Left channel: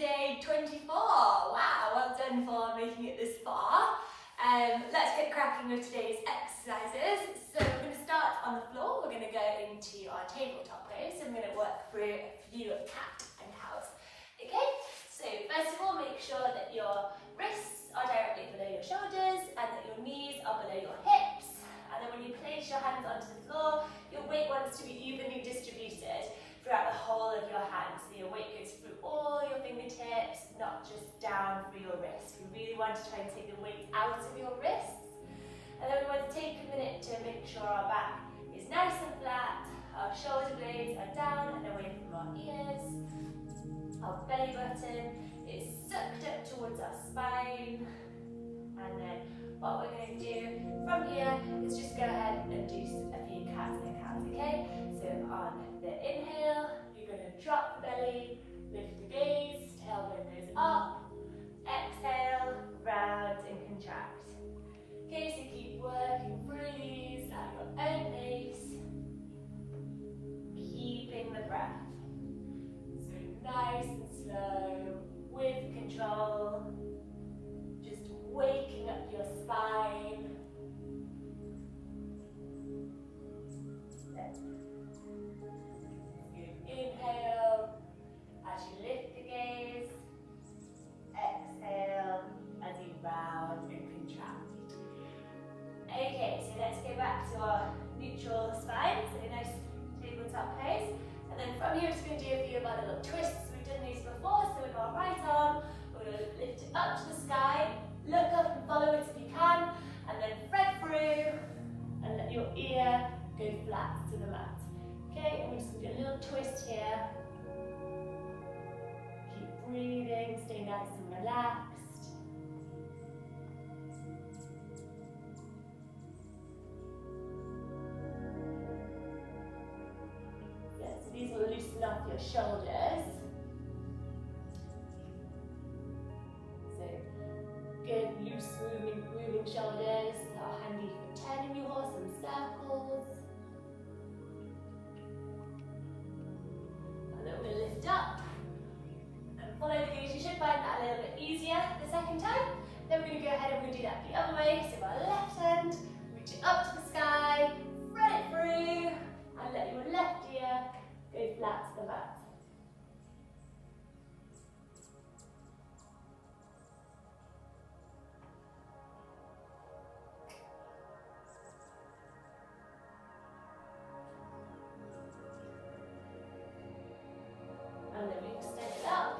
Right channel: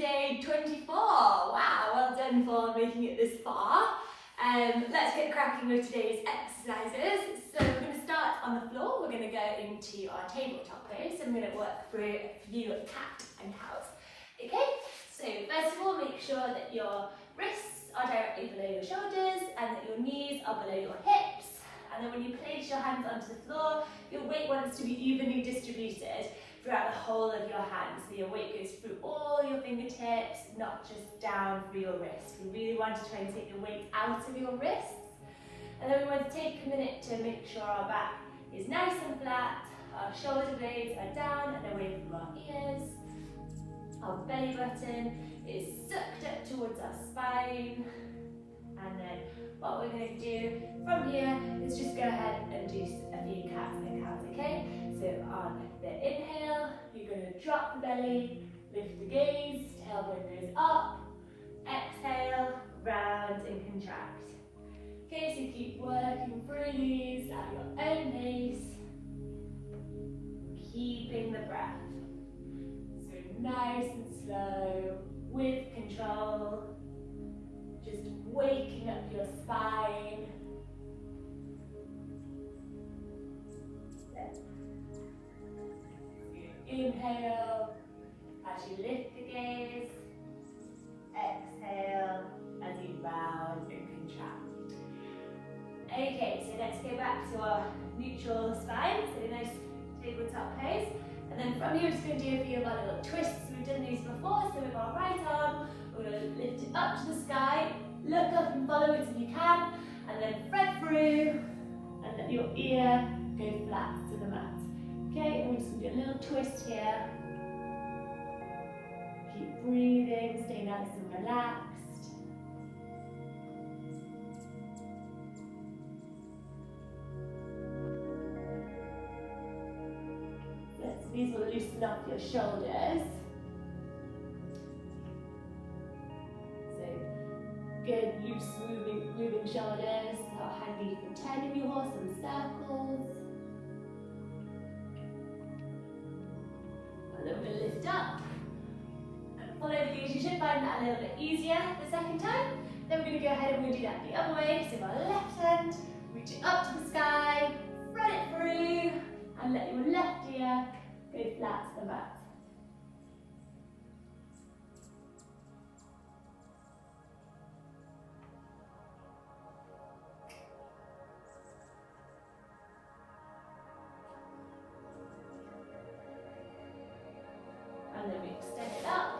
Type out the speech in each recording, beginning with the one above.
day 24. Wow, well done for making it this far. Let's get cracking with today's exercises. So we're going to start on the floor. We're going to go into our tabletop pose. I'm going to work through a few cat and cows. Okay, so first of all, make sure that your wrists are directly below your shoulders and that your knees are below your hips. And then when you place your hands onto the floor, your weight wants to be evenly distributed throughout the whole of your hands. So your weight goes through all your fingertips, not just down through your wrists. We really want to try and take the weight out of your wrists. And then we want to take a minute to make sure our back is nice and flat, our shoulder blades are down and away from our ears. Our belly button is sucked up towards our spine. And then what we're going to do from here is just go ahead and do a few cats and cows, okay? So on the inhale, you're going to drop the belly, lift the gaze, tailbone goes up. Exhale, round and contract. Okay, so keep working through these at your own pace. Keeping the breath. So nice and slow, with control. Just waking up your spine. Inhale as you lift the gaze. Exhale as you round and contract. Okay, so let's go back to our neutral spine, so a nice tabletop pose. And then from here, we're just going to do a few of our little twists. We've done these before, so with our right arm, we're going to lift it up to the sky, look up and follow it if you can, and then thread through and let your ear go flat to the mat. Okay, and we're just going to do a little twist here. Keep breathing, stay nice and relaxed. Yes, these will loosen up your shoulders. So, good, loose, moving shoulders. How handy you can turn your horse in circles. And then we're going to lift up and follow the gaze. You should find that a little bit easier the second time. Then we're going to go ahead and we're going to do that the other way. So our left hand, reach it up to the sky, thread it through, and let your left ear go flat to the mat. And then we extend it up.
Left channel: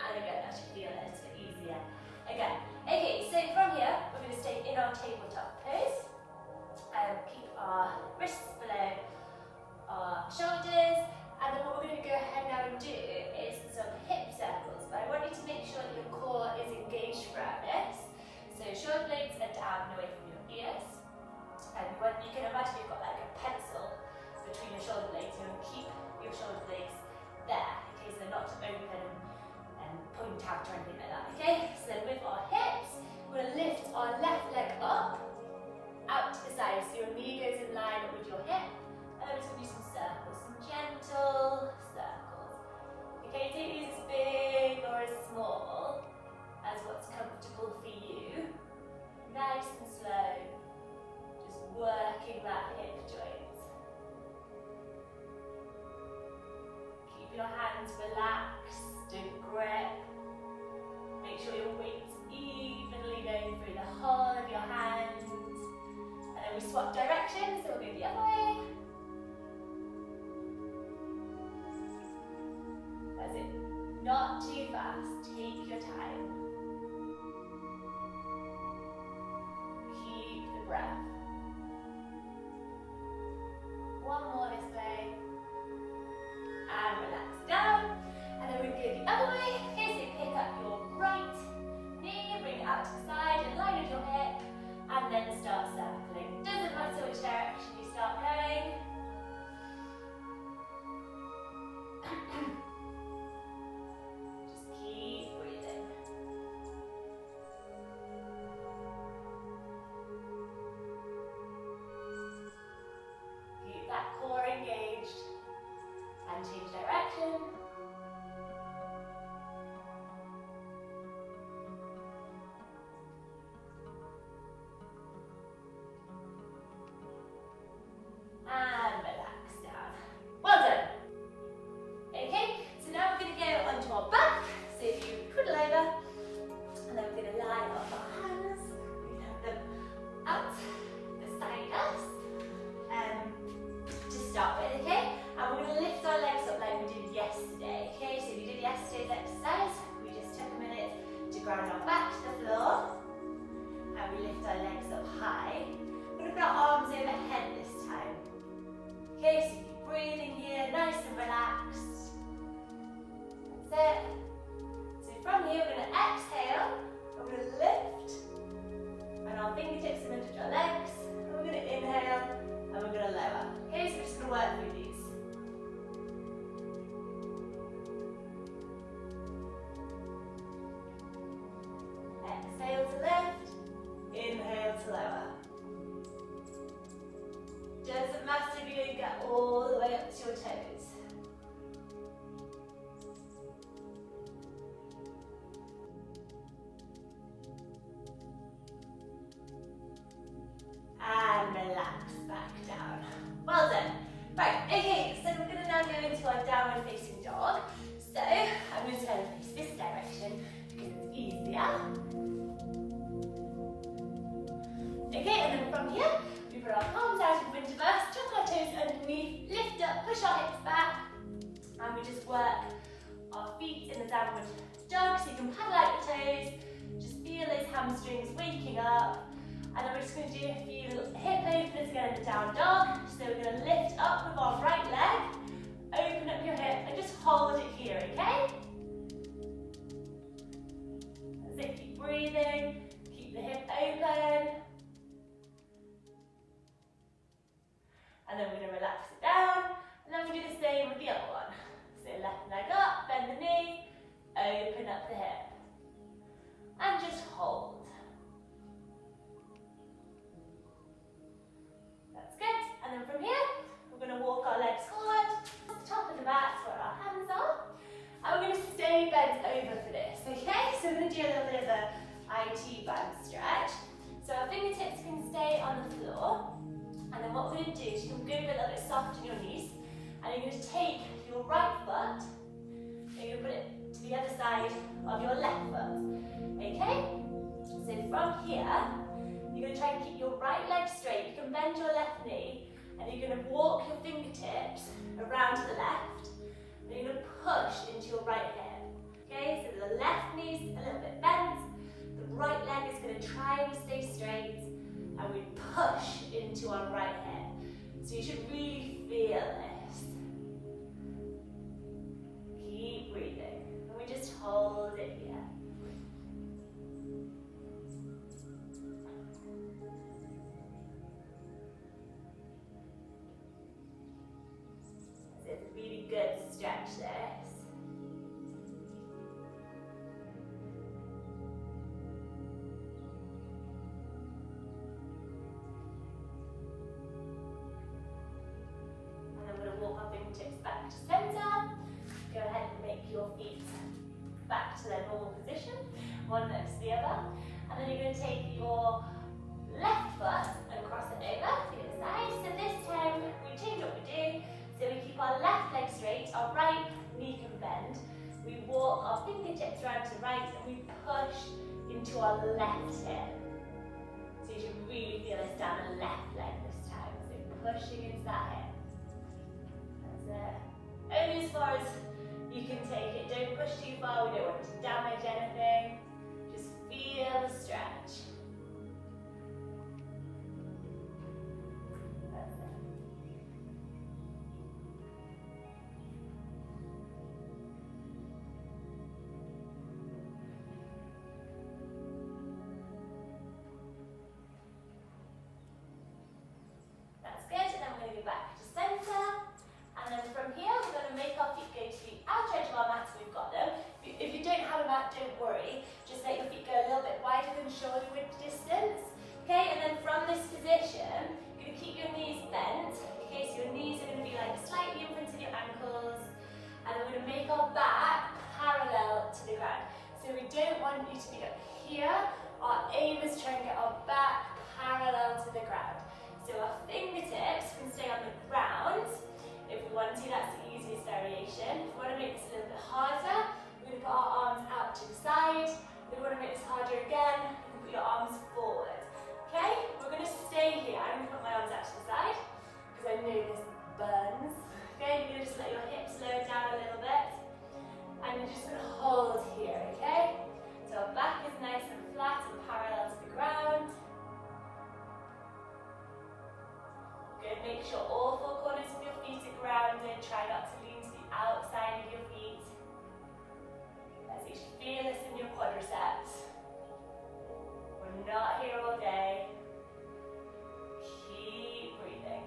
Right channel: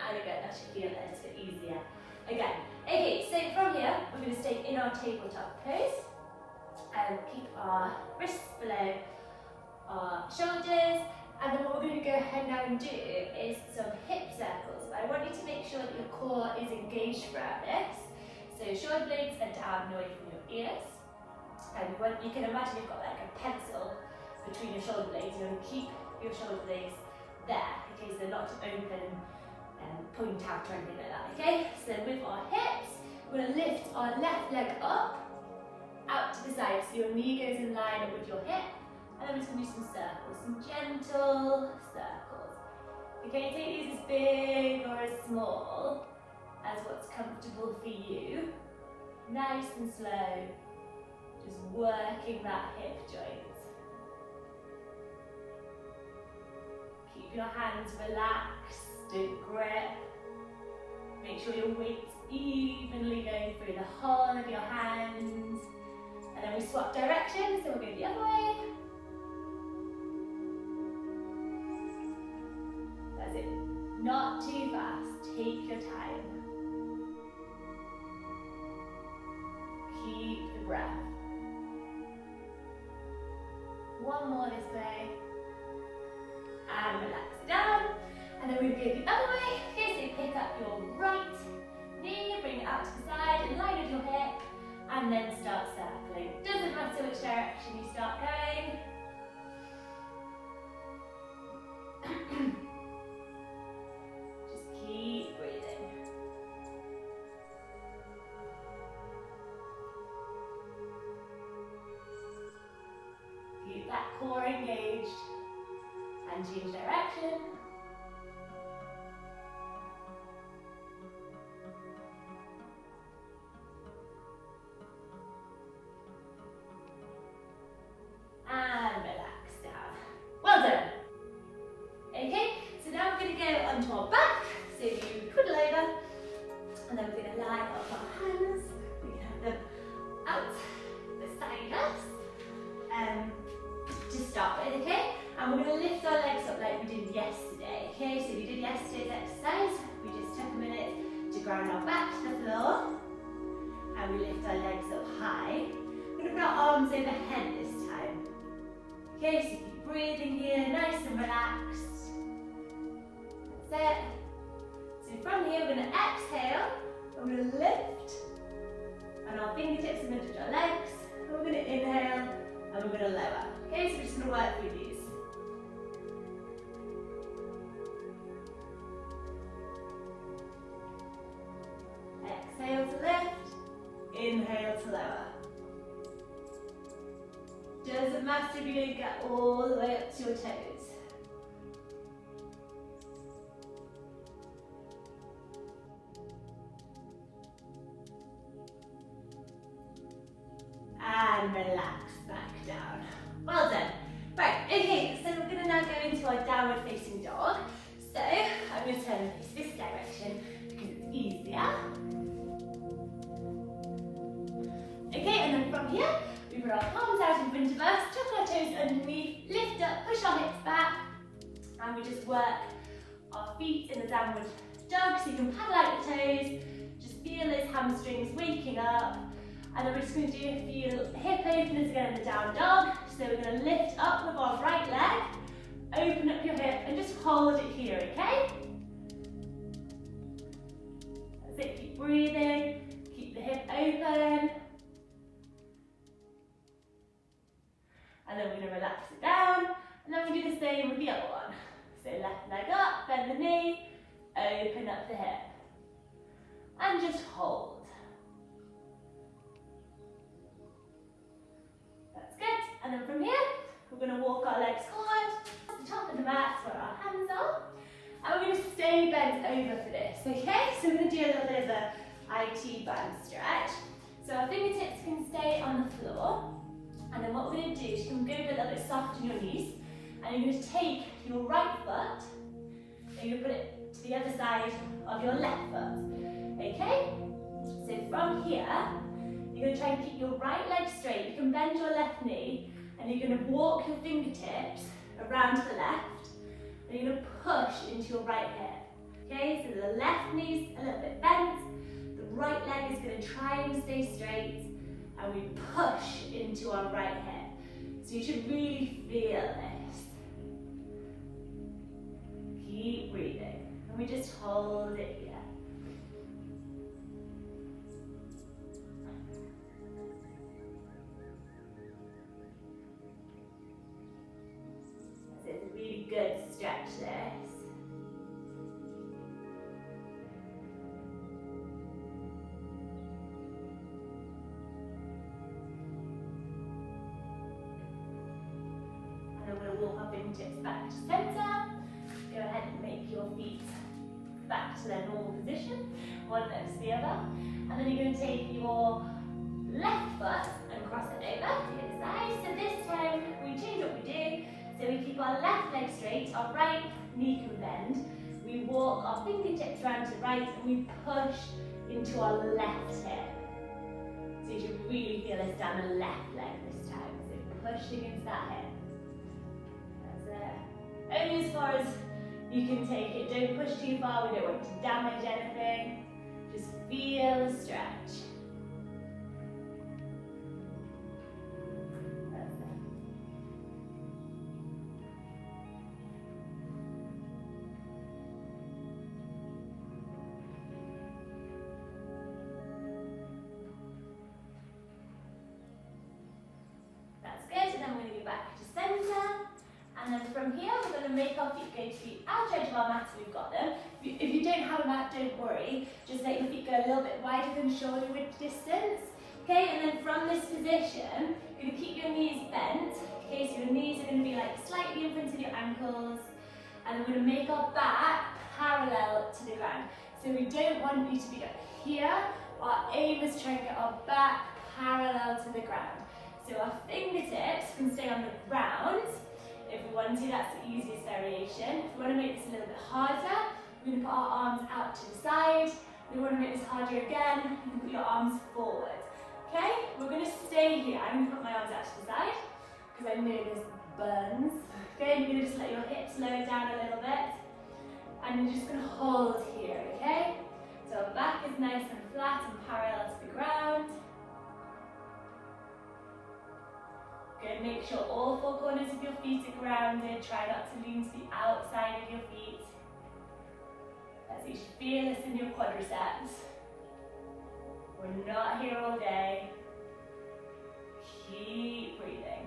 And again, that should feel a little bit easier. Again. Okay, so from here, we're going to stay in our tabletop pose. And keep our wrists below our shoulders. And then what we're going to go ahead now and do is some hip circles. But I want you to make sure that your core is engaged throughout this. So shoulder blades are down and away from your ears. And when you can imagine you've got like a pencil between your shoulder blades, you want to keep your shoulder blades there, okay, so not open and point out or anything like that, okay? So with our hips, we're going to lift our left leg up, out to the side, so your knee goes in line up with your hip, and then we're just going to do some circles, some gentle circles. Okay, take these as big or as small as what's comfortable for you. Nice and slow, just working that hip joint. Keep your hands relaxed, don't grip. Make sure your weight's evenly going through the whole of your hands. And then we swap directions, so we'll go the other way. That's it. Not too fast, take your time. Keep the breath. One more this way. And relax down. And then we go the other way. Okay, so pick up your right knee, bring it out to the side, in line with your hip, and then start circling. Doesn't matter which direction you start going. Just keep breathing. Keep that core engaged. And change direction. onto our back. So you twiddle over, and then we're going to line up our hands. We can have them out beside us to start with, okay? And we're going to lift our legs up like we did yesterday, okay? So we did yesterday's exercise. We just took a minute to ground our back to the floor, and we lift our legs up high. We're going to put our arms overhead this time. Okay, so keep breathing here, nice and relaxed. That's it. So from here, we're going to exhale, and we're going to lift, and our fingertips are going to touch our legs. We're going to inhale, and we're going to lower. Okay, so we're just going to work through these. Exhale to lift, inhale to lower. Doesn't matter if you don't get all the way up to your toes. And relax back down. Well done. Right, okay, so we're going to now go into our downward facing dog. So I'm going to turn and face this direction because it's easier. Okay, and then from here, we put our palms out in front of us, tuck our toes underneath, lift up, push our hips back, and we just work our feet in the downward dog, so you can paddle out your toes, just feel those hamstrings waking up, and then we're just going to do a few hip openers again in the down dog. So we're going to lift up with our right leg, open up your hip, and just hold it here, okay? That's it, keep breathing, keep the hip open. And then we're going to relax it down, and then we'll do the same with the other one. So left leg up, bend the knee, open up the hip, and just hold. That's good. And then from here, we're going to walk our legs forward to the top of the mat where our hands are, and we're going to stay bent over for this, okay? So we're going to do a little bit of a IT band stretch. So our fingertips can stay on the floor. And then what we're going to do is you're going to go a little bit soft on your knees, and you're going to take your right foot and you're going to put it to the other side of your left foot. Okay? So from here, you're going to try and keep your right leg straight. You can bend your left knee, and you're going to walk your fingertips around to the left, and you're going to push into your right hip. Okay? So the left knee's a little bit bent, the right leg is going to try and stay straight, and we push into our right hip. So you should really feel this. Keep breathing. And we just hold it here. So it's a really good stretch this. Walk our fingertips back to centre. Go ahead and make your feet back to their normal position, one next to the other. And then you're going to take your left foot and cross it over to the side. So this time we change what we do. So we keep our left leg straight, our right knee can bend. We walk our fingertips round to the right, and we push into our left hip. So you should really feel this down the left leg this time. So pushing into that hip. Only as far as you can take it. Don't push too far. We don't want to damage anything. Just feel the stretch. That's it. That's good. And then we're going to go back to centre. And then from here, we're going to make our feet go to the outer edge of our mat, so we've got them. If you don't have a mat, don't worry. Just let your feet go a little bit wider than shoulder width distance. Okay, and then from this position, you're going to keep your knees bent. Okay, so your knees are going to be like slightly in front of your ankles. And we're going to make our back parallel to the ground. So we don't want you to be up here. Our aim is to try and get our back parallel to the ground. So our fingertips can stay on the ground. If we want to, that's the easiest variation. If we want to make this a little bit harder, we're going to put our arms out to the side. We want to make this harder again. You can put your arms forward. Okay, we're going to stay here. I'm going to put my arms out to the side because I know this burns. Okay, you're going to just let your hips lower down a little bit. And you're just going to hold here, okay? So our back is nice and flat and parallel to the ground. Good, make sure all four corners of your feet are grounded. Try not to lean to the outside of your feet. As you should feel this in your quadriceps. We're not here all day. Keep breathing.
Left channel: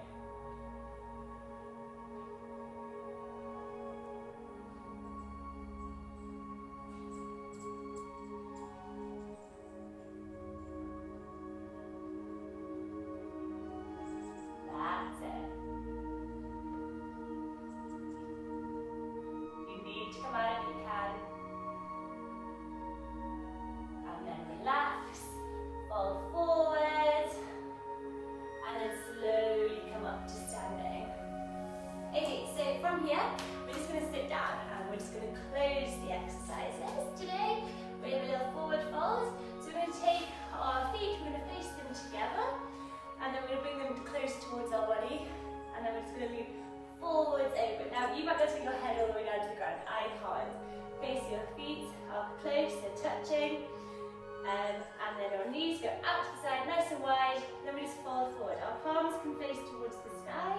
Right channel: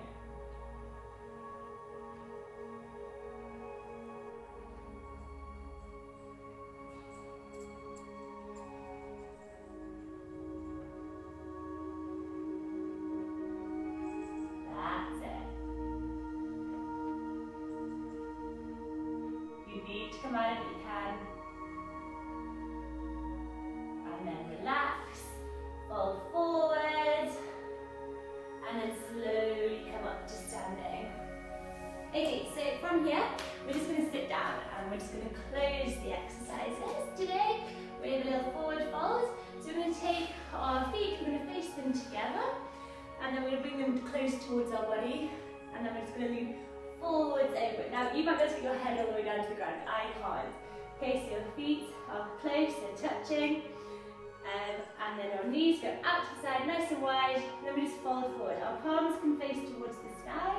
That's it. You need to come out if you can. And then relax, fold forward, and then slowly come up to standing. Okay, so from here, we're just going to sit down and we're just going to close the exercises today. We have a little forward fold. So we're going to take our feet, we're going to face them together, and then we're going to bring them close towards our body, and then we're just going to lean forwards over. Now, you might be able to get your head all the way down to the ground. I can't. Okay, so your feet are close, they're touching. And then our knees go out to the side, nice and wide. Then we just fold forward. Our palms can face towards the sky.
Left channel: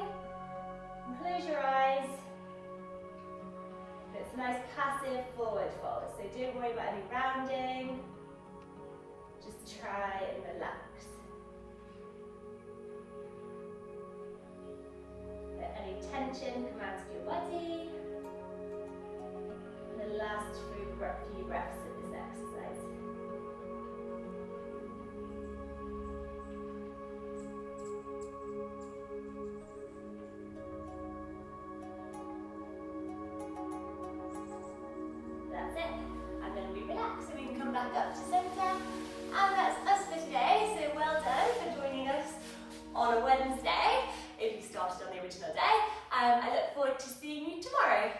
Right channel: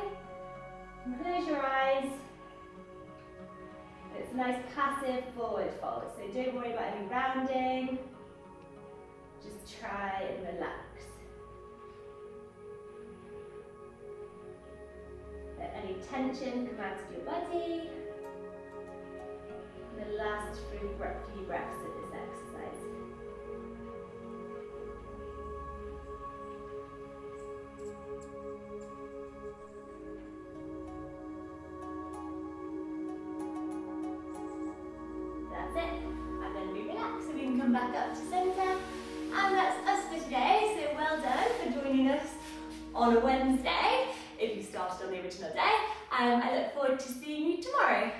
And close your eyes. It's a nice passive forward fold. So don't worry about any rounding. Just try and relax. Let any tension come out of your body. And the last few breaths of this exercise. That's it. And then we relax so we can come back up to centre. And that's us for today. So well done for joining us on a Wednesday, if you started on the original day. I look forward to seeing you tomorrow.